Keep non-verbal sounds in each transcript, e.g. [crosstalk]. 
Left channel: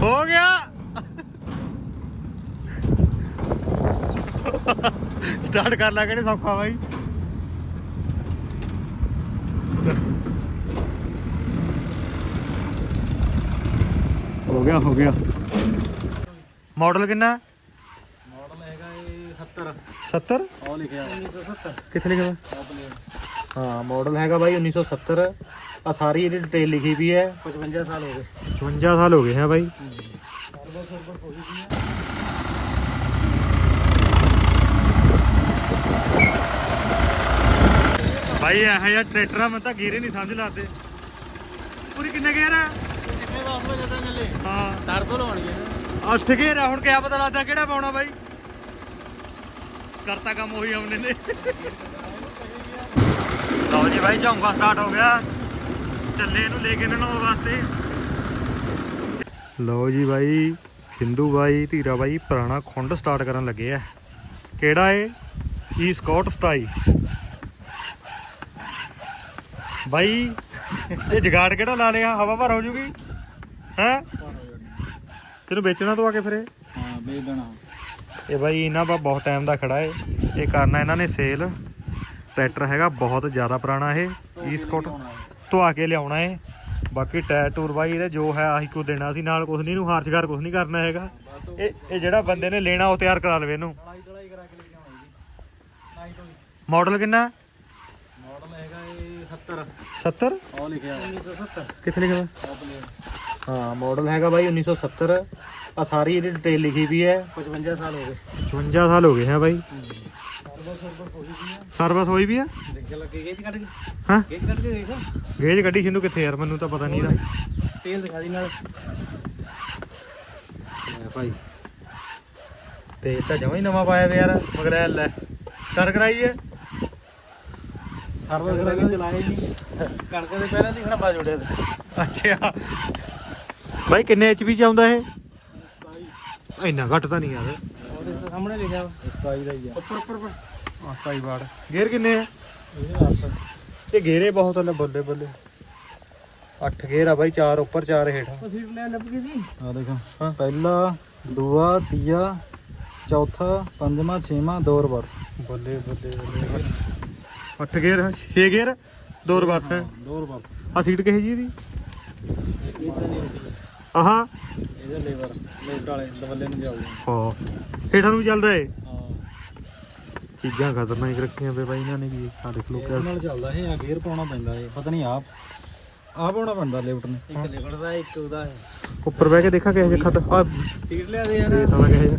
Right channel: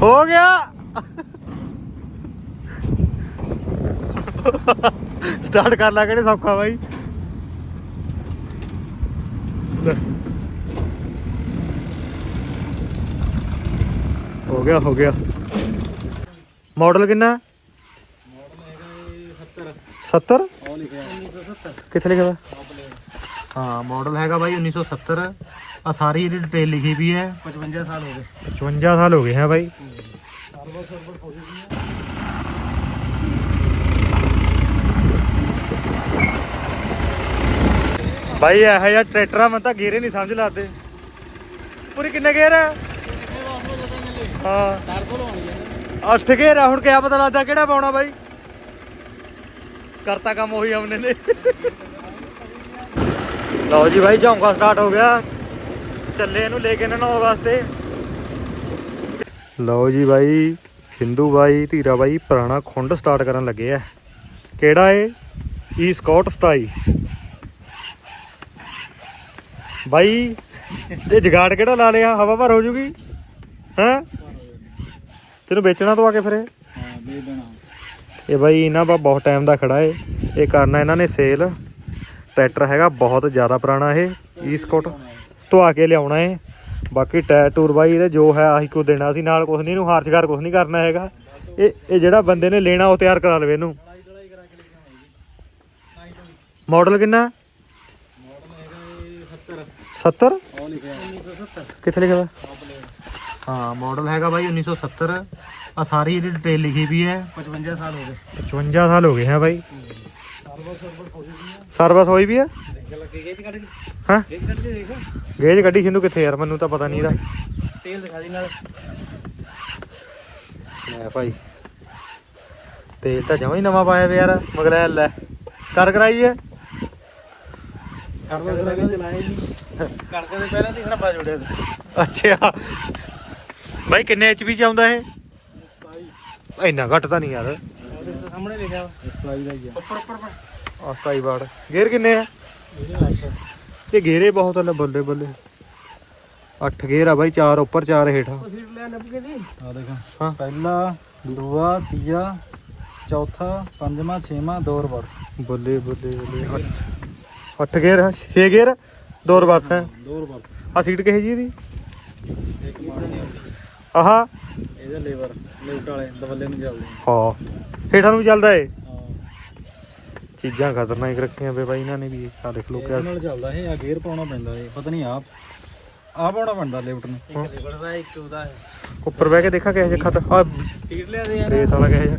ਹੋ ਗਿਆ ਸਟਾਰਟ ਕਰ ਲਾ ਕਿਹੜੇ ਸੌਖਾ ਬਾਈ ਹੋ ਗਿਆ ਹੋ ਗਿਆ ਮਾਡਲ ਕਿੰਨਾ ਮਾਡਲ ਹੈਗਾ ਇਹ 70 70 ਉਹ ਲਿਖਿਆ 1970 ਕਿੱਥੇ ਲਿਖਿਆ ਵਾ ਹਾਂ ਮਾਡਲ ਹੈਗਾ ਬਾਈ 1970 ਆ ਸਾਰੀ ਇਹਦੀ ਡਿਟੇਲ ਲਿਖੀ ਵੀ ਹੈ। 55 ਸਾਲ ਹੋ ਗਏ। 55 ਸਾਲ ਹੋ ਗਏ ਹੈ ਬਾਈ। ਬਾਈ ਇਹ ਜਿਹਾ ਟਰੈਕਟਰਾਂ ਮੈਂ ਤਾਂ ਗੇਰੇ ਨਹੀਂ ਸਮਝ ਲਾਦੇ ਪੂਰੀ ਕਿੰਨੇ ਗੇਰ ਚੱਲੇ? ਹਾਂ। ਟਰਬੋ ਲਾਉਣੀ ਹੈ ਨਾ। ਗੇਰ ਆ ਹੁਣ ਕਿਆ ਪਤਾ ਲੱਗਦਾ ਕਿਹੜਾ ਪਾਉਣਾ ਬਾਈ। ਕਰਤਾ ਕੰਮ ਉਹੀ ਆਉਂਦੇ ਨੇ। ਲਓ ਜੀ ਬਾਈ ਝੌਂਕਾ ਸਟਾਰਟ ਹੋ ਗਿਆ। ਚੱਲੇ ਇਹਨੂੰ ਲੈ ਕੇ ਨਹਾਉਣ ਵਾਸਤੇ। ਲਓ ਜੀ ਬਾਈ ਸਿੰਧੂ ਬਾਈ ਧੀਰਾ ਬਾਈ ਪੁਰਾਣਾ ਖੁੰਡ ਸਟਾਰਟ ਕਰਨ ਲੱਗੇ ਆ। ਕਿਹੜਾ ਏ? ਈ ਸਕਾਟ 27 ਬਾਈ ਇਹ ਜਗਾੜ ਕਿਹੜਾ ਲਾ ਲਿਆ? ਹਵਾ ਭਰ ਹੋ ਜੂਗੀ? ਹੈਂ? ਤੈਨੂੰ ਵੇਚਣਾ ਤੋਂ ਆ ਕੇ ਫਿਰ ਇਹ? ਹਾਂ ਦੇਣਾ। ਇਹ ਬਾਈ ਇਹਨਾਂ ਦਾ ਬਹੁਤ ਟਾਈਮ ਦਾ ਖੜਾ ਏ। ਇਹ ਕਰਨਾ ਇਹਨਾਂ ਨੇ ਸੇਲ ਟਰੈਕਟਰ ਹੈਗਾ, ਬਹੁਤ ਜ਼ਿਆਦਾ ਪੁਰਾਣਾ ਇਹ ਈਸਕੋਟ ਧਵਾ ਕੇ ਲਿਆਉਣਾ ਏ ਬਾਕੀ ਟਾਇਰ ਟੂਰ ਬਾਈ ਇਹਦੇ ਜੋ ਹੈ, ਆਹੀ ਕੋ ਦੇਣਾ ਸੀ, ਨਾਲ ਕੁਝ ਨਹੀਂ, ਇਹਨੂੰ ਹਾਰਚਗਾਰ ਕੁਝ ਨਹੀਂ ਕਰਨਾ ਹੈਗਾ। ਇਹ ਇਹ ਜਿਹੜਾ ਬੰਦੇ ਨੇ ਲੈਣਾ, ਉਹ ਤਿਆਰ ਕਰਾ ਲਵੇ ਇਹਨੂੰ। ਮਾਡਲ ਕਿੰਨਾ? ਮਾਡਲ ਹੈਗਾ ਇਹ 70 70 ਉਹ ਲਿਖਿਆ 1970 ਕਿੱਥੇ ਲਿਖਿਆ ਵਾ? ਹਾਂ ਮਾਡਲ ਹੈਗਾ ਬਾਈ 1970 ਆ ਸਾਰੀ ਇਹਦੀ ਡਿਟੇਲ ਲਿਖੀ ਵੀ ਹੈ। 55 ਸਾਲ ਹੋ ਗਏ। 55 ਸਾਲ ਹੋ ਗਏ ਹੈ ਬਾਈ। ਸਰਵਿਸ ਹੋਈ ਵੀ ਹੈ ਦੇਖ ਲੱਗੇ ਗੇਜ ਕੱਢ ਕੇ ਹਾਂ? ਗੇਜ ਕੱਢ ਕੇ ਦੇਖ ਗੇਜ ਗੱਡੀ ਸਿੰਧੂ ਕਿੱਥੇ ਯਾਰ? ਮੈਨੂੰ ਤਾਂ ਪਤਾ ਨਹੀਂ ਇਹਦਾ। ਤੇਲ ਦਿਖਾ ਦੀ ਨਾਲ। ਲੈ ਭਾਈ। ਤੇਲ ਤਾਂ ਜਮਾ ਹੀ ਨਵਾਂ ਪਾਇਆ ਵੇ ਯਾਰ ਮਗਰ ਲੈ। ਕਰ ਕਰਾਈਏ। ਸਰਵਰ ਕਰਾ ਕੇ ਹੀ ਨਹੀਂ। ਕਣਕ ਦੇ ਪਹਿਲਾਂ ਦੀ ਖਰਾਬਾ ਜੁੜਿਆ ਅੱਛਾ। ਭਾਈ ਕਿੰਨੇ ਐਚਪੀ ਚ ਆਉਂਦਾ ਇਹ? ਇੰਨਾ ਘੱਟ ਤਾਂ ਨਹੀਂ ਯਾਰ। ਸਾਹਮਣੇ ਲਿਖਿਆ 27 ਦਾ ਹੀ ਆ। ਉੱਪਰ ਉੱਪਰ ਉੱਪਰ। ਆ 27 ਵਾਟ ਗੇਅਰ ਕਿੰਨੇ ਆ? ਤੇ ਗੇਰੇ ਬਹੁਤ ਲੈ ਬੱਲੇ ਬੱਲੇ। 8 ਗੇਅਰ ਆ ਬਾਈ 4 ਉੱਪਰ 4 ਹੇਠਾਂ। ਆ ਦੇਖੋ। ਹਾਂ। ਪਹਿਲਾ ਦੂਆ ਤੀਆ ਚੌਥਾ ਪੰਜਵਾਂ ਛੇਵਾਂ ਦੋ ਰਿਵਰਸ। ਬੱਲੇ ਬੱਲੇ ਬੱਲੇ। 8 ਗੇਅਰ 6 ਗੇਅਰ ਦੋ ਰਿਵਰਸ ਹੈ ਦੋ ਰਿਵਰਸ। ਆ ਸੀਟ ਕਿਹੇ ਜੀ ਮਾੜੀ ਆਹਾ। ਇਹਦੇ ਲੇਵਰ ਲੋਟ ਵਾਲੇ ਦਵੱਲੇ ਨੂੰ ਚੱਲਦੇ ਹਾਂ। ਹੇਠਾਂ ਨੂੰ ਵੀ ਚੱਲਦਾ ਏ। ਚੀਜ਼ਾਂ ਖਤਰਨਾਕ ਰੱਖੀਆਂ ਵੇ ਬਾਈ ਇਹਨਾਂ ਨੇ ਵੀ ਆ ਦੇਖ ਲੋ ਇਹਦੇ ਨਾਲ ਚੱਲਦਾ ਇਹ ਆ ਗੇਅਰ ਪਾਉਣਾ ਪੈਂਦਾ ਇਹ ਪਤਾ ਨਹੀਂ ਆਪ ਆ ਪਾਉਣਾ ਪੈਂਦਾ ਲਿਫਟ ਨੂੰ। ਇੱਕ ਲਿਫਟ ਦਾ ਇੱਕ ਉਹਦਾ ਹੈ। ਉੱਪਰ ਬਹਿ ਕੇ ਦੇਖਾਂ ਕਿਹੋ ਜਿਹਾ ਖਤ ਆ ਸੀਟ ਲਿਆ ਦੇ ਯਾਰ। ਰੇਸ ਵਾਲਾ ਕਿਹੋ ਜਿਹਾ।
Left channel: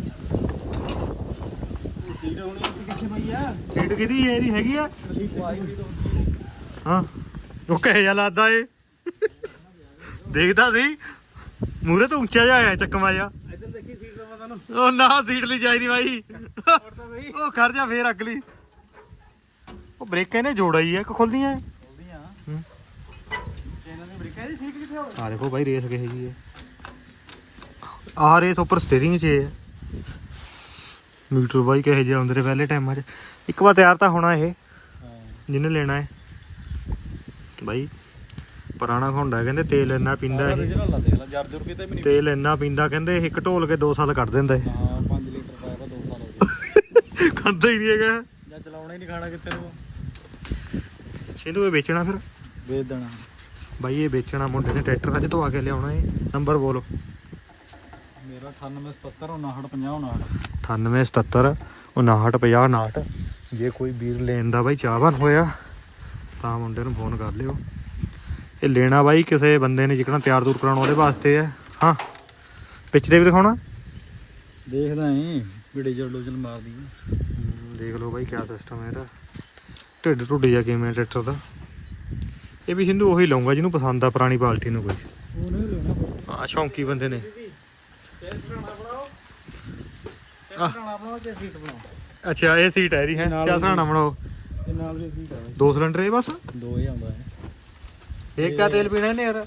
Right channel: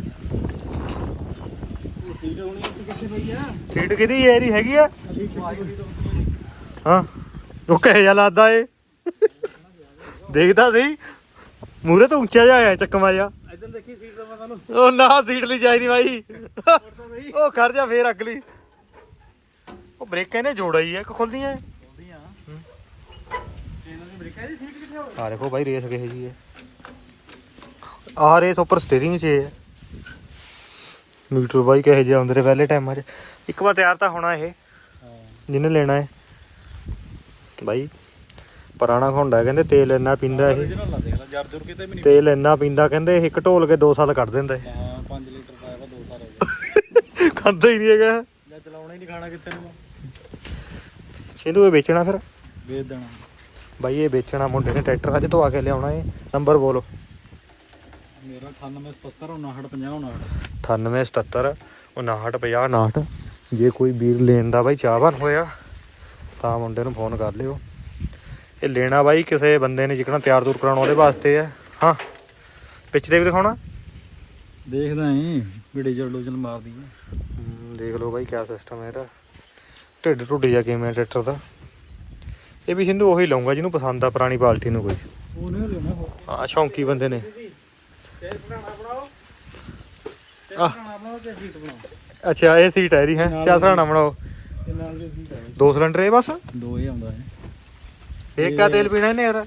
ਸੀਟ ਹੋਣੀ ਇੱਥੇ ਕਿੱਥੇ ਪਈ ਆ? ਸੀਟ ਕਿਹਦੀ ਹੈ ਇਹਦੀ ਹੈਗੀ ਆ? ਅਸੀਂ ਚਵਾਈ ਤੋਂ। ਹਾਂ ਉਹ ਕਿਹੋ ਜਿਹਾ ਲੱਗਦਾ ਏ? ਦੇਖਦਾ ਸੀ। ਮੂਰੇ ਤੋਂ ਉੱਚਾ ਜਿਹਾ ਆਇਆ ਚੱਕਮਾ ਜਿਹਾ। ਇੱਧਰ ਦੇਖੀ ਸੀਟ ਦਾ ਪਤਾ ਨੂੰ ਉਹ ਨਾ ਸੀਟ ਲਈ ਚਾਹੀਦੀ ਬਾਈ। ਗਈ ਉਹ ਖੜ ਜਾ ਫੇਰ ਅਗਲੀ। ਉਹ ਬ੍ਰੇਕਾਂ ਨੇ ਜੋੜਾ ਹੀ ਆ ਕਿ ਖੁੱਲਦੀਆਂ। ਇਹਨਾਂ ਆ ਦੇਖੋ ਬਾਈ ਰੇਸ ਕਿਹੋ ਜੀ ਹੈ ਆ ਰੇਸ ਉੱਪਰ ਸਟੀਅਰਿੰਗ 'ਚ ਹੈ ਮੀਟਰ ਬਾਈ ਕਿਹੋ ਜਿਹੇ ਆਉਂਦੇ ਨੇ ਪਹਿਲੇ ਟਾਈਮਾਂ 'ਚ। ਇੱਕ ਵਾਰ ਤਿਆਰ ਤਾਂ ਹੋਣਾ ਇਹ ਜਿਹਨੇ ਲੈਣਾ ਹੈ। ਬਾਈ ਪੁਰਾਣਾ ਹੋਂਡਾ ਕਹਿੰਦੇ ਤੇਲ ਇੰਨਾ ਪੀਂਦਾ ਇਹ। ਤੇਲ ਇੰਨਾ ਪੀਂਦਾ ਕਹਿੰਦੇ ਇਹ ਇੱਕ ਢੋਲ ਕੇ 2 ਸਾਲ ਕੱਢ ਦਿੰਦਾ ਇਹ ਹਾਂ 5 ਲੀਟਰ ਪਾਇਆ ਵਾ 2 ਸਾਲ ਹੋ ਗਏ ਖਾਂਦਾ ਹੀ ਨਹੀਂ ਹੈਗਾ। ਮੈਂ ਚਲਾਉਣਾ ਹੀ ਨਹੀਂ ਖਾਣਾ ਕਿਤੇ ਨੂੰ। ਇਹ ਵੇਚਣਾ ਫਿਰ? ਵੇਚ ਦੇਣਾ। ਬਾਈ ਇਹ ਵੇਚਣਾ ਮੁੰਡੇ ਨੇ ਟਰੈਕਟਰ ਅੱਜ ਤੋਂ ਆ ਕੇ ਲਿਆਉਣਾ ਇਹ ਨੰਬਰ ਬੋਲੋ। ਮੇਰਾ 9877 5950 59 9877 5950 ਜੇ ਕੋਈ ਵੀਰ ਲੈਣ ਦਾ ਬਾਈ ਚਾਹਵਾਨ ਹੋਇਆ ਤਾਂ ਮੁੰਡੇ ਨੂੰ ਫੋਨ ਕਰ ਲਿਓ। ਇਹ ਲੈਣਾ ਬਾਈ ਕਿਸੇ ਬੰਦੇ ਨੇ ਜਿਕਣਾ ਤਿਆਰ ਦੂਰ ਕਰਾਉਣ ਉਹਦੇ ਵਾਸਤੇ ਹੈ। ਹਾਂ। ਦੇ ਵੀ ਦਿਖਾਉਣਾ। ਦੇਖਦਾ ਨਹੀਂ ਵੀ ਡੀਜ਼ਲ ਡੂਜ਼ਲ ਮਾਰਦੀ ਆ। ਦੇਖ ਲਓ ਬਾਈ ਕਿਆ ਸਿਸਟਮ ਹੈ ਇਹਦਾ। ਢਿੱਡ ਢੁੱਡ ਜਾ ਕਿਵੇਂ ਟਰੈਕਟਰ ਦਾ। ਇਹ ਵੀ ਸਿੰਧੂ ਉਹੀ ਲਾਉਂਗਾ ਜਿਹਨੂੰ ਪਸੰਦ ਆ ਪੁਰਾਣੀ ਬਾਲਟੀ ਨੂੰ ਕੋਈ। ਉਹ ਨਹੀਂ ਲੈਣਾ ਆ ਸ਼ੌਂਕੀ ਬੰਦੇ ਨੇ। ਆਹ। ਬਣਾਓ ਕਿ ਸੀਟ ਬਣਾਓ? ਅੱਛਾ ਇਹ ਸੀਟ ਹੈ ਇਹਦੀ ਹੈ? ਨਾਲ ਚਾਹ ਸਰਾਣਾ ਬਣਾਓ। ਨਾਲ ਦੇ ਆ ਸਿਲੰਡਰ ਇਹ ਬਸ? ਦੋ ਹੀ ਆਉਂਦਾ ਇਹ ਇਹ ਕਿਆ ਤੇਲ ਪੀਣਾ ਇਹਨੇ ਯਾਰ।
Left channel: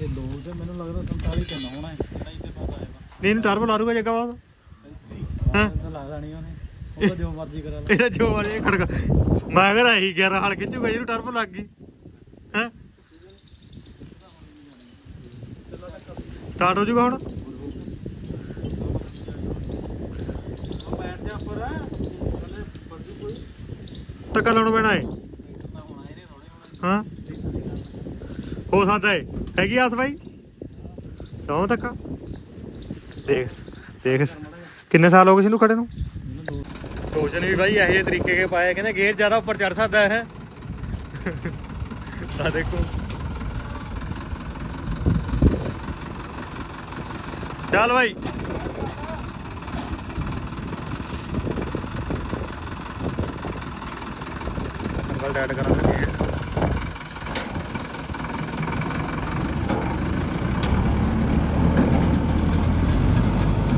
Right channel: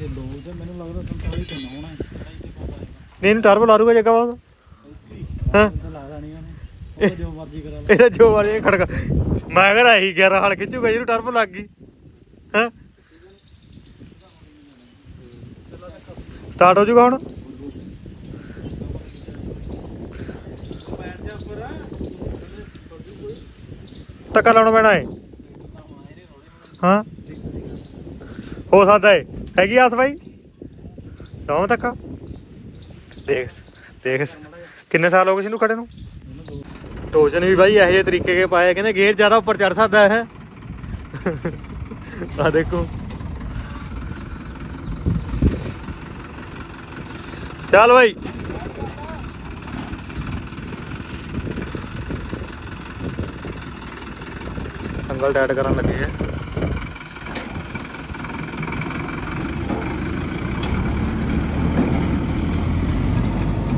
ਇਹ ਦੋ ਤੇ ਮੈਨੂੰ ਲੱਗਦਾ 47 ਤੇ ਨਾ ਹੋਣਾ ਹੈ। ਨਹੀਂ ਤੇ ਨਹੀਂ ਟਰਬੋ ਲਾ ਦੂਗਾ ਜੱਗਾ ਬਾਅਦ ਹਾਂ। ਲਾ ਦੇਣੀ ਉਹਨੇ ਉਹ ਜੋ ਮਰਜ਼ੀ ਕਰਾ ਲਾ। ਇਹਦਾ ਜੋ ਵਾਲੇ ਖੜਕਾ ਮੈਂ ਕਹਿੰਦਾ ਇਹੀ 11 ਹਾਲ ਖਿੱਚੂਗਾ ਜਿਹਨੂੰ ਟਰਬੋ ਲੱਗ ਗਈ। ਹਾਂ? ਸਟਾਰਟ ਹੋ ਜਾਊਗਾ ਹੁਣ। ਧੱਕਾ ਲਾਉਣਾ ਪੈਣਾ ਏ ਹਾਂ? ਹੋ ਸਕਦਾ ਏ ਹੈਗੀ ਆਸ ਬਾਈ? ਲਾਉਂ ਧੱਕਾ? ਦੇਖ ਦੇਖ। ਕਿੰਨੇ ਸਾਲ ਹੋ ਗਏ ਇਹਨੂੰ ਖੜੇ ਨੂੰ? ਟੋਜਨ ਵੀ ਬਾਈ ਇਹੋ ਜਿਹੇ ਤਰੀਕੇ ਕੇ ਪਾਏ ਕਹਿੰਦੇ ਗੇਅਰ ਜ਼ਿਆਦਾ ਉੱਪਰ ਚੜ ਸਕਦਾ ਹੈ। ਆ ਦੇਖੋ। ਚੱਲ ਬਾਈ। ਸੰਗਲ ਟਾਈਟ ਕਰਨ ਲੱਗੇ ਆ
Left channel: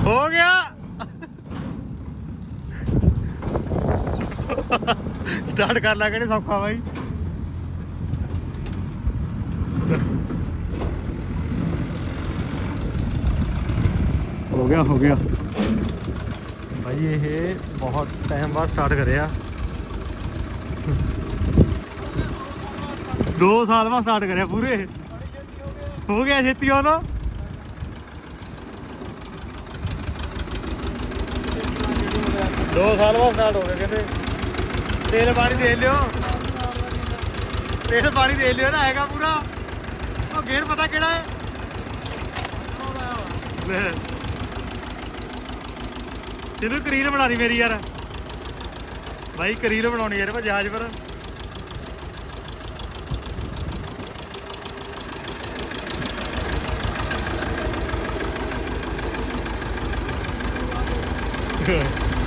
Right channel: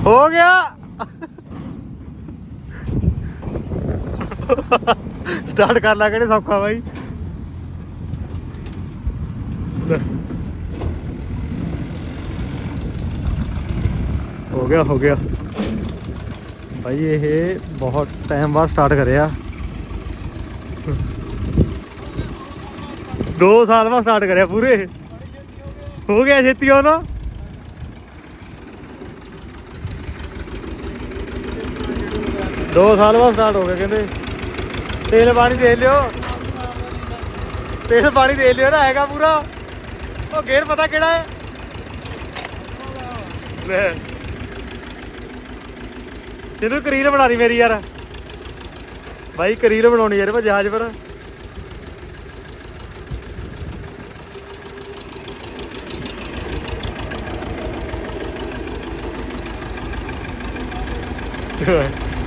ਹੋ ਗਿਆ ਸਟਾਰਟ ਕਰ ਲਾ ਕਿਹੜੇ ਸੌਖਾ ਬਾਈ। ਹੋ ਗਿਆ ਹੋ ਗਿਆ। ਭਾਈ ਇਹ ਬਹੁਤ ਟਾਈਮ ਬਾਅਦ ਸਟਾਰਟ ਕਰਿਆ। 2 ਸਾਲ ਬਾਅਦ ਸਟਾਰਟ ਕਰਿਆ ਪੂਰੇ। ਹੋ ਗਿਆ ਛੇਤੀ ਉਹ ਨਾ। ਦੋ ਸਾਲ ਬਾਅਦ ਸਟਾਰਟ ਹੋ ਗਿਆ ਕਹਿੰਦੇ। ਤੇਲ ਪਾਣੀ ਦੇ ਲਿਓ। ਤੇਲ ਪਾਣੀ ਦੇ ਲਿਓ ਨਾ, ਹੈਗਾ ਪੂਰਾ। ਉਹ ਗੇਅਰ ਪਤਾ ਕਿਹੜਾ ਹੈ? ਲੈ। ਤੈਨੂੰ ਕਰੀਰ ਬਣਾ ਦੀ ਮੇਰੀ ਯਾਰ। ਬਾਈ ਕਰੀਰ ਬਣਾਉਣੀ ਯਾਰ, ਮੈਂ ਜਹਾਜ਼ ਪਰ।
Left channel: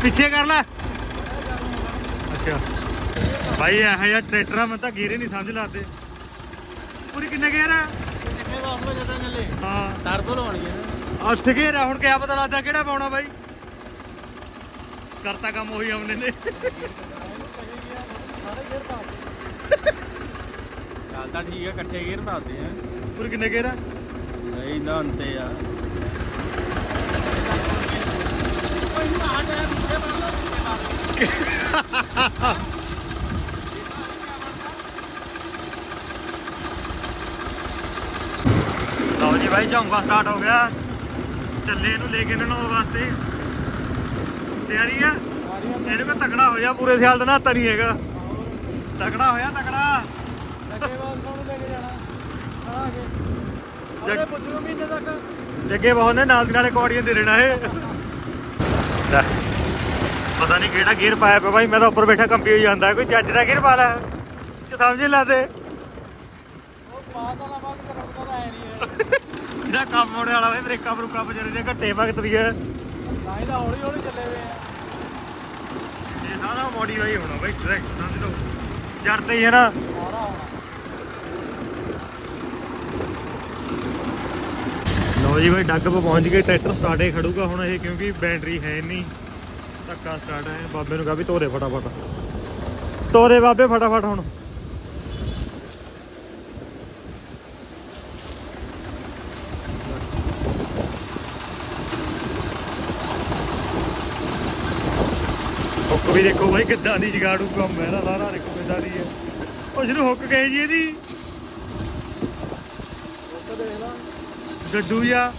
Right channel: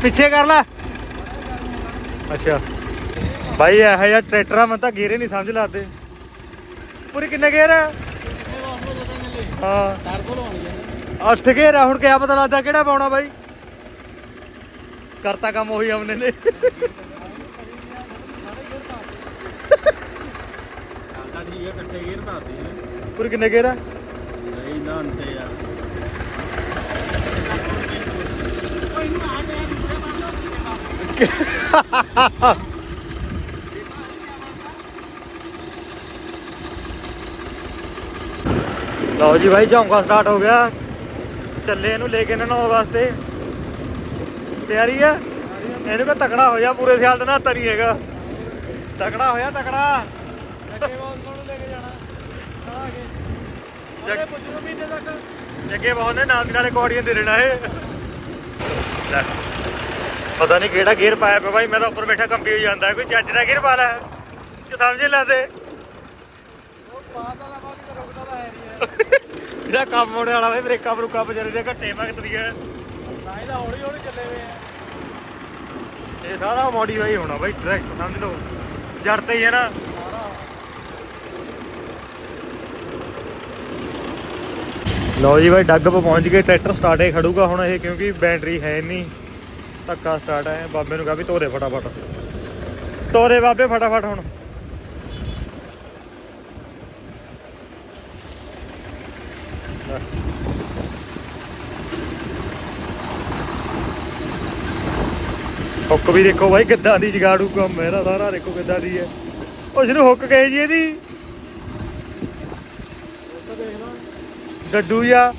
ਪਿੱਛੇ ਕਰ ਲੈ। ਅੱਛਾ। ਬਾਈ ਇਹ ਜਿਹਾ ਟਰੈਕਟਰ ਆ ਮੈਂ ਤਾਂ ਗੇਰੇ ਨਹੀਂ ਸਮਝ ਲਾਦੇ ਪੂਰੀ ਕਿੰਨੇ ਗੇਰ ਆ? ਕਿੱਥੇ ਵਾਸਲਾ ਜਦੋਂ ਚੱਲੇ। ਹਾਂ। ਟਰਬੋ ਲਾਉਣੀ ਹੈ ਨਾ। ਅੱਠ ਗੇਰ ਆ ਹੁਣ ਕਿਆ ਪਤਾ ਲੱਗਦਾ ਕਿਹੜਾ ਪਾਉਣਾ ਬਾਈ। ਕਰਤਾ ਕੰਮ ਉਹੀ ਆਮਨੇ ਨੇ। ਹਾਲ ਤਾਂ ਠੀਕ ਹੈ ਇਕੱਠੇ ਗੇਰ ਪਾਦੇ ਆ। ਪੂਰੀ ਕਿੰਨੇ ਗੇਰ ਆ? ਨਹੀਂ ਨਾ ਅੰਤੇ ਆ। ਟਾਇਰ ਲਓ ਲਓ ਲਓ ਜੀ ਭਾਈ ਝੌਂਕਾ ਸਟਾਰਟ ਹੋ ਗਿਆ। ਚੱਲੇ ਇਹਨੂੰ ਲੈ ਕੇ ਨਹਾਉਣ ਵਾਸਤੇ। ਤਿਆਰੀ ਆ? ਇਹਨੂੰ ਕੋ ਤਕੜਾ ਹੋ ਜਾ, ਪੂਰੇ ਸਿਆਲ ਦਾ ਨਹਾਤਾ ਨਹੀਂ ਹੈਗਾ। ਤਕੜਾ ਹੋਇਆ ਤਕੜਾ। ਜੱਗੇ ਬਹੁਤ ਨੇ, ਨਾਲ ਦੀ ਨਾਲੇ ਕੌੜੀਆਂ ਦੇ ਲੈਣਾ ਇਹ। ਪਤਾ ਨਹੀਂ ਕਿਹੜਾ ਗੇਅਰ ਪਾਇਆ ਪਿਆ ਭਾਈ ਮੈਂ ਤਾਂ ਉੱਪਰ ਬੈਠਾ ਕੰਪੀ ਹੋਈ ਜਾਂਦਾ। ਕੋਈ ਜੱਜ ਦਾ ਗੇਅਰ ਪਾ ਲੈ। ਕਿ ਸਮਝ ਨਹੀਂ ਲੱਗਦੇ? ਇਹਦਾ ਕੰਮ ਹੋਣੇ ਵਾਲਾ ਵੇ ਬ੍ਰੇਕਾਂ ਬਰੂਕਾਂ ਵਿਚਾਰੇ ਦੇ ਘੱਟੇ ਭਗਤਦੀ ਹੈ। ਇਹ ਸਾਰਾ ਮੋਡੀਫਾਈ ਹੋਣਾ ਬਾਈ ਟਰੈਕਟ ਸਮਝ ਲਓ। ਜੜ ਤੇ ਹੀ ਹੈ ਨਾ। ਲਓ ਜੀ ਬਾਈ, ਡੱਗ ਪਹੁੰਚ ਗਏ, ਟਰੈਕਟਰ ਸਟਾਰਟੇ ਖੜੂਗਾ ਹੁਣ ਇਹ, ਕਿਉਂਕਿ ਬੈਟਰੀ ਹੈ ਨਹੀਂ ਧੱਕਾ ਸਟਾਰਟ ਹੈ ਬਾਬੇ ਨੂੰ ਕਹਾ ਵੀ ਤੋਰੇ ਫਟਾਫਟ। ਤੋਰੇ ਬਾਬੇ ਫਟਾਫਟ ਹੁਣ। ਹੁੱਕ ਵੀ ਦੇਖੋ ਬਾਈ, ਕਿੱਦਾਂ ਦੀ ਜਗਾੜੂ ਕੰਮ ਹੈ ਨਾ ਸਾਰਾ ਦੇਖੋ ਕਿੱਦਾਂ ਦੀ ਹੈ। ਉਹ ਜਿਹਨੂੰ ਹੁੱਕ ਕਹੇ ਜੀ ਇਹਦੀ। ਗੱਡੂ ਆ।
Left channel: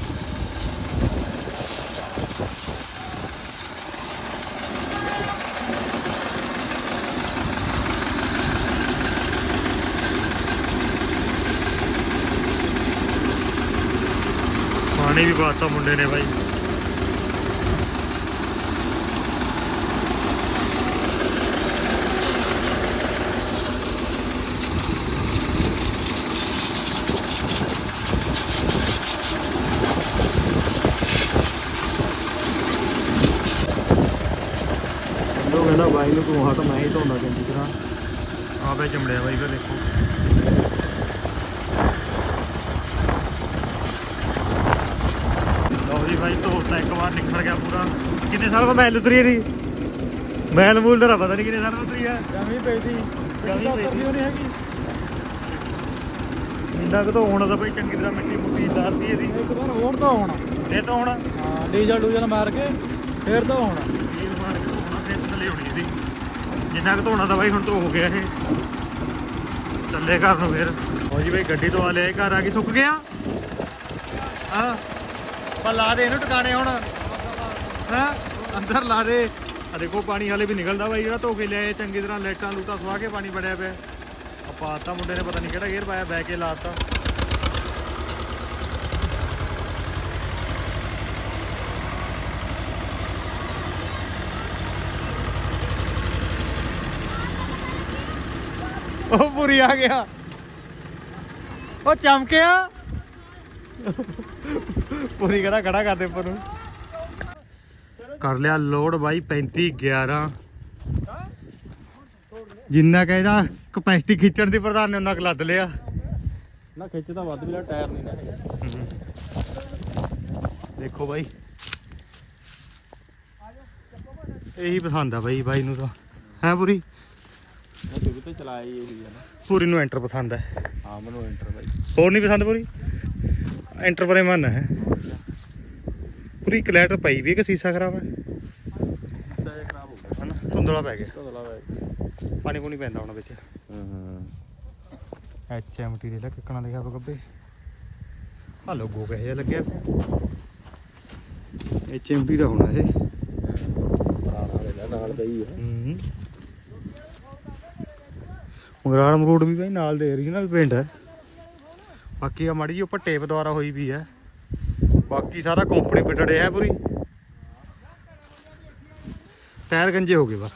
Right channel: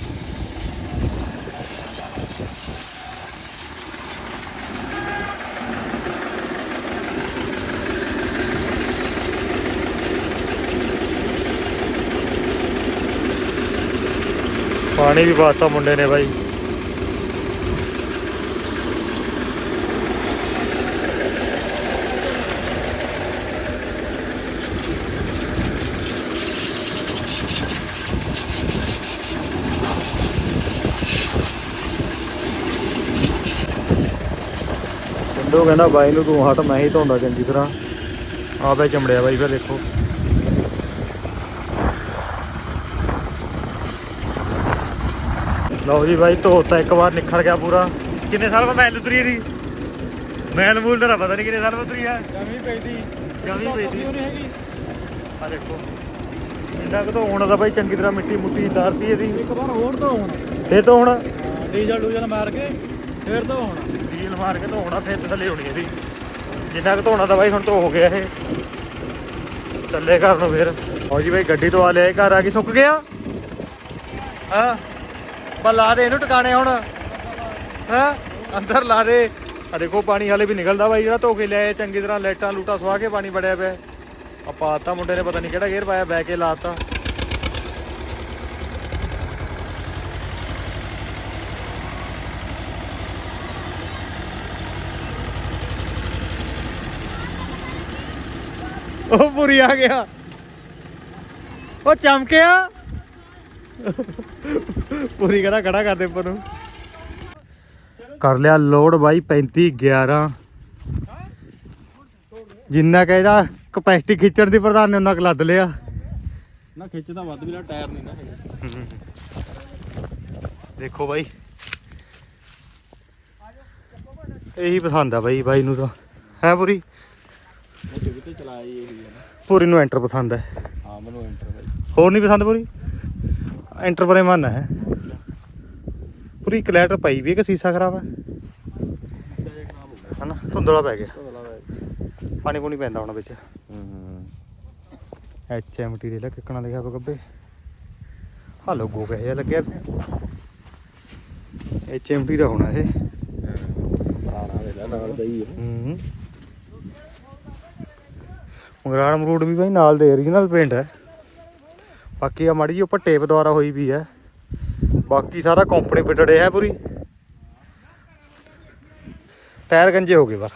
ਪਾਣੀ ਵੀ ਪਾਤਾ ਮੁੰਡੇ ਨੇ ਬਾਈ। ਉਹ ਕਹਿੰਦਾ ਬਾਈ ਨੂੰ ਤੂੰ ਹਟ ਮੈਂ ਹੀ ਧੋਂਦਾ ਚੰਗੀ ਤਰ੍ਹਾਂ। ਆਪੇ ਚਮੜਿਆ ਬਾਈ ਫਿਰ ਦੇਖੋ। ਲਓ ਜੀ ਬਾਈ ਧੋਤਾ ਇੱਕ ਵਾਰ ਨਿਖਰ ਗਿਆ ਪੂਰਾ। ਕਿੰਨੇ ਸਾਲ ਬਾਅਦ ਮੈਲ ਉਤਰੀ ਇਹਦੀ? ਮੈਲ ਮੂਲ ਦਾ ਤਾਂ ਪਤਾ ਨਹੀਂ ਕਿੰਨੇ ਸਾਲ ਬਾਅਦ ਉਤਰੀ ਹੈ ਕਮੀ ਪਈ ਦੀ ਜਮੀ ਪਈ ਦੀ ਆ ਇੰਨਾ ਕੁ ਧੋਣਾ ਦਾ ਬਾਈ ਚੰਗੀ ਤਰ੍ਹਾਂ ਮਿੱਟੀ ਮੁੱਟੀ ਲਾਰਦੀ ਇਹਦੀ। ਹੋਰ ਤਾਂ ਹੋਣਾ। ਫੇਰ ਤੋਂ ਹੁਣ? ਡੀਜ਼ਲ ਡੂਜ਼ਲ ਮਾਰ ਕੇ ਫੇਰ ਤਾਂ ਹੋਣਾ। ਡੀਲ ਮਾਰ ਕੇ ਧੋਣਾ ਫੇਰ ਤੇ ਥੱਲੇ ਹੋਣੀ ਇਹਦੀ। ਜਿੰਨਾ ਕੁ ਧੋਣਾ ਤਾਂ ਬਾਈ ਹੁਣ ਧੋ ਹੋ ਗਿਆ ਇਹ। ਥੱਲੇ ਘਰ ਨੂੰ ਫੇਰ। ਹੋ ਜੀ ਬਾਈ ਗੱਡੀ ਤੋਂ ਆ ਲਿਆ ਘਰ। ਆ ਕੇ ਸੁੱਕ ਗਿਆ? ਹਾਂ। ਆਪਾਂ ਲਾ ਦੇ, ਇਹਨੂੰ ਟਿਕਾਣੇ ਹੁਣ। ਹਾਂ? ਅੰਦਰ ਲਾ ਦੇ। ਆ ਦੇਖੋ, ਪਾਣੀ ਹਾਲੇ ਵੀ ਨਿਕਲਦਾ ਬਾਈ ਜਿਹੜਾ ਧੋ ਕੇ ਲਿਆਏ, ਚੰਗੀ ਤਰ੍ਹਾਂ ਲਾਈਟਾਂ ਲੂਟਾਂ ਸਵਾ ਕੇ ਪਾਣੀ ਵੜਿਆ ਪਿਆ। ਆ ਪਾਤਾ ਮੁੰਡੇ ਨੇ ਪਤਾ ਨਹੀਂ ਕਿਹੜਾ ਗੇਅਰ ਪਾਇਆ ਬੈ ਕੇ ਲਾਤਾ ਉਹ ਪੂਰੀ ਆ ਗਿਆ। ਉਹ ਚਮਕਿਆ? ਪੂਰੀ ਕਹਿੰਦਾ ਖੜਾ ਕਰ ਦੇ ਉੱਪਰ ਨੂੰ। ਕਰ ਲਿਆ ਲੋਡ ਬਾਈ 35 11 ਜਿੰਨਾ ਕਹਿੰਦਾ ਕਪੈਸਿਟੀ ਖਿੱਚਣ ਦੀ ਪ੍ਰਧਾਨ ਨੇ ਉਹਨਾਂ ਕੁ ਲੱਦ ਲਿਆ। ਨਾ ਖਿੱਚਦਾ ਵੱਧ ਵੀ ਲਾ ਟਾਇਰ ਨਹੀਂ ਨਾ ਦੇਖੋ ਬਾਈ। ਇਹੀ ਪਸੰਦ ਆ ਬਾਈ ਬਾਈ ਨੂੰ ਤਾਂ। ਹੈ ਪੂਰੀ? ਉਹ ਤੇ ਹੀ ਇਹੀ ਆ ਨਾ। ਪੂਰੀ ਨੂੰ ਐਂਟਰ ਪਸੰਦ ਹੈ ਹਾਂ ਮੈਨੂੰ ਐਂਟਰ ਬਾਈ। ਹੋਰ ਨਹੀਂ ਪਸੰਦ ਪੂਰੀ? ਐਂਟਰ ਬਰੇ ਮਨ ਹੈ। ਪੂਰੀ ਕਲੈਟ ਪਈ ਵੀ ਹੈ ਕਿ ਸੀਸਾ ਖਰਾਬ ਹੈ? ਸਾਇਆ ਖਰਾਬ ਹੋ ਗਿਆ। ਹਨਾ ਧੁੰਦਲਾ ਪੈ ਗਿਆ। ਪਾਣੀ ਪੂਣੀ ਪੈਂਦਾ ਹੁਣ ਵਿੱਚ। ਹਾਂ ਐਚ ਐਮ ਟੀ ਦੇ ਕਿੱਕਣਾ ਲਿਖਿਆ ਵਾ ਗੱਬੇ। ਆ ਲੋਗੋ ਕਿਹੋ ਜਿਹਾ ਲੱਗਿਆ ਐਚ ਐਮ ਟੀ ਦਾ ਹੋਣਾ ਇਹ। ਹੀ ਮਗਰਾੜ ਮਰੂਡ ਵੀ ਭਾਈ ਨਾਲ ਦੇ ਓਰੀਜਨਲ ਪੇਂਟ ਹੈ। ਬਾਕੀ ਆ ਮਾੜੀ ਜਿਹੀ ਉੱਪਰ ਟੇਪ ਦੁਆਰਾ ਹੋਈ ਵੀ ਹੈ। ਬਾਕੀ ਸਾਰਾ ਕੰਪਨੀ ਫਿਟਡ ਹੈ ਪੂਰੀ। ਟਾਇਰ ਗੰਜੇ ਹੋ ਗਏ ਬਸ।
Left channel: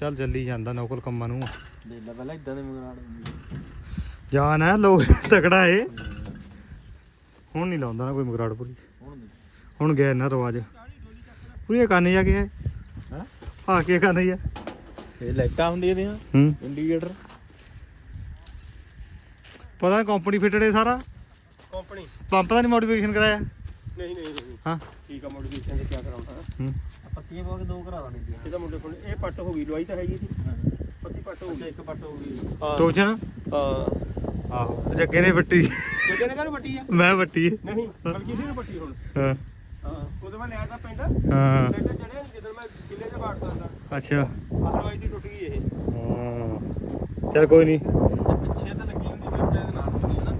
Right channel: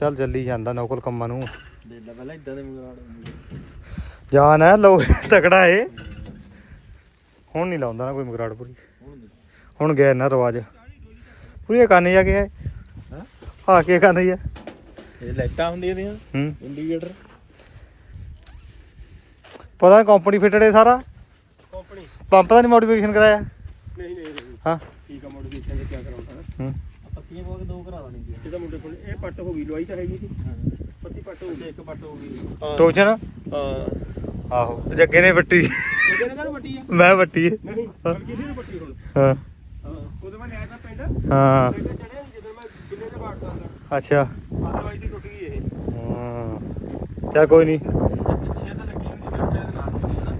ਚੱਲ ਚੱਲੀ ਜਾਂਦਾ ਨੌਕਲ ਕੰਮਾਂ ਨੂੰ। ਦੇ ਲੈ ਪਹਿਲਾਂ ਇਦਾਂ ਦੇ ਮਗਰਾੜ ਜਾਨ ਹੈ ਲੋ ਤਕੜਾ ਏ ਹੁਣ ਨਹੀਂ ਲਾਉਂਦਾ ਨਾ ਕੋਈ ਮਗਰਾੜ ਪੂਰੀ। ਹੁਣ ਗਿਆ ਨਾ ਰਵਾਜ ਪੂਰੀ ਕਾਨੇ ਜਾ ਕੇ ਹੈ? ਆ ਕੇ ਕਾਨੇ ਜਾ ਇਹ ਲਾਈਟਾਂ ਹੁੰਦੀਆਂ ਇਹਦੀਆਂ ਹੂੰ। ਇੰਡੀਕੇਟਰ। ਪਤਾ ਕੰਪਨੀ ਫਿਟਡ ਹੈ ਸਾਰਾ? ਕੰਪਨੀ ਪੰਪ ਦਾ ਨਹੀਂ ਮੋਡੀਫਿਕੇਸ਼ਨ ਕਰਾਇਆ? ਨਹੀਂ ਨਹੀਂ ਨਹੀਂ ਹਾਂ। ਠੀਕ ਆ ਮੋਡੀਫਿਕੇਸ਼ਨ ਦੇ ਕੀ ਕਰਾਉਣਾ ਹੂੰ। ਪੱਤੀਆਂ ਪਾ ਕੇ ਦੋ ਕਰਾ ਮੁੰਡੇ ਕੋਲ ਇਹ ਪੱਟ ਹੋ ਗਈ ਲਵਾਈ ਤਾਂ ਹੈਗੀ ਸੀ ਪੱਤੀ ਪੱਟ ਹੋ ਗਈ। ਇੱਕ ਪੱਟ ਹੋ ਗਈ। ਟੋਚਨ ਹਾਂ। ਆਹੋ ਜੱਗੇ ਨੇ ਵੱਟੀ। ਕਿਹਦੇ ਨੇ ਕਰ ਆ? ਮੈਂ ਵੱਟੀ। ਨਹੀਂ ਹੋਰ ਕਿਸੇ ਨੇ ਪੱਟੀ ਹੁਣ। ਹਾਂ। ਉਹਦੇ ਮੈਂ ਲਿਆ ਤਾਂ ਪਿੰਡ। ਹਾਂ। ਤਾਂ ਚੜਿਆ ਜਦੋਂ ਮੈਂ ਤੇ ਅੱਛਾ। ਲਵਾਈ ਦੀ ਟੁੱਟ ਗਈ ਇਹ। ਹਾਂ। ਚੱਲ ਕੋਈ ਨਹੀਂ ਪਿੱਛੇ ਤਾਂ ਲੱਗੀ ਹੁੰਦੀ ਫਿਰ ਚਾਹੇ ਨਾਲ ਹੁੰਦੀ ਹੈ ਨਾ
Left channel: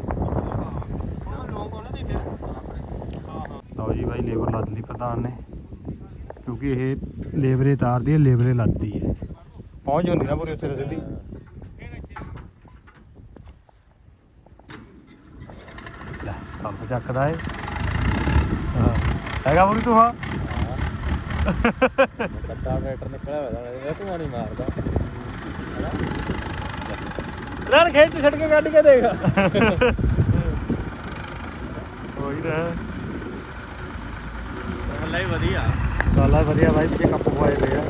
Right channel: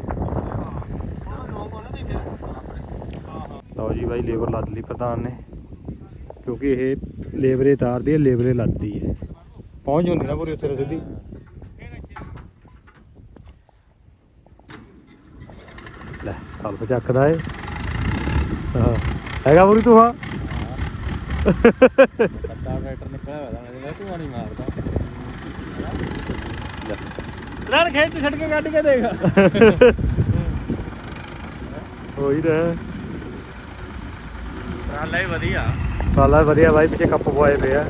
ਹਾਂ ਉਹ ਲੋਕ ਉਹਨਾਂ ਦੇ ਫਿਰ ਹਾਂ ਹਾਂ ਬਾਈ ਲੇਬਰ ਲੱਦ ਲਈ ਪ੍ਰਧਾਨ ਨੇ ਕਿਉਂਕਿ ਇਹ ਲੇਬਰੇ ਤਾਰਦੀ ਹੈ ਲੇਬਰੇ ਲੱਦਦੀ ਹੈ। ਪਹੁੰਚ ਜਾਂਦੀ ਨਾ ਪੂਰੀ ਉੱਥੇ ਸਿੱਧੀ। ਲੈ ਕਲਪ ਚੱਕਦਾ ਏ। ਹਾਂ। ਹੈਗਾ ਪੂਰੀ ਤੂੰ ਹਾਂ? ਟਰੈਕਟਰ ਨਿਕਲਿਆ ਹੋਇਆ ਤੂੰ ਨਹੀਂ ਮਾਰਦਾ ਲੜ ਖੇਚ ਛੱਡ ਕੇ ਕੱਢ ਕੇ ਦੇਖ। [laughs] ਕੋਈ ਨਾ। ਹਾਲਾ ਹੀ ਵਧੀਆ। ਕਾਲਾ ਵਧੀਆ ਬਾਈ ਪਿੱਛੇ ਕੱਪ ਪਵਾਏ ਪਏ ਆ।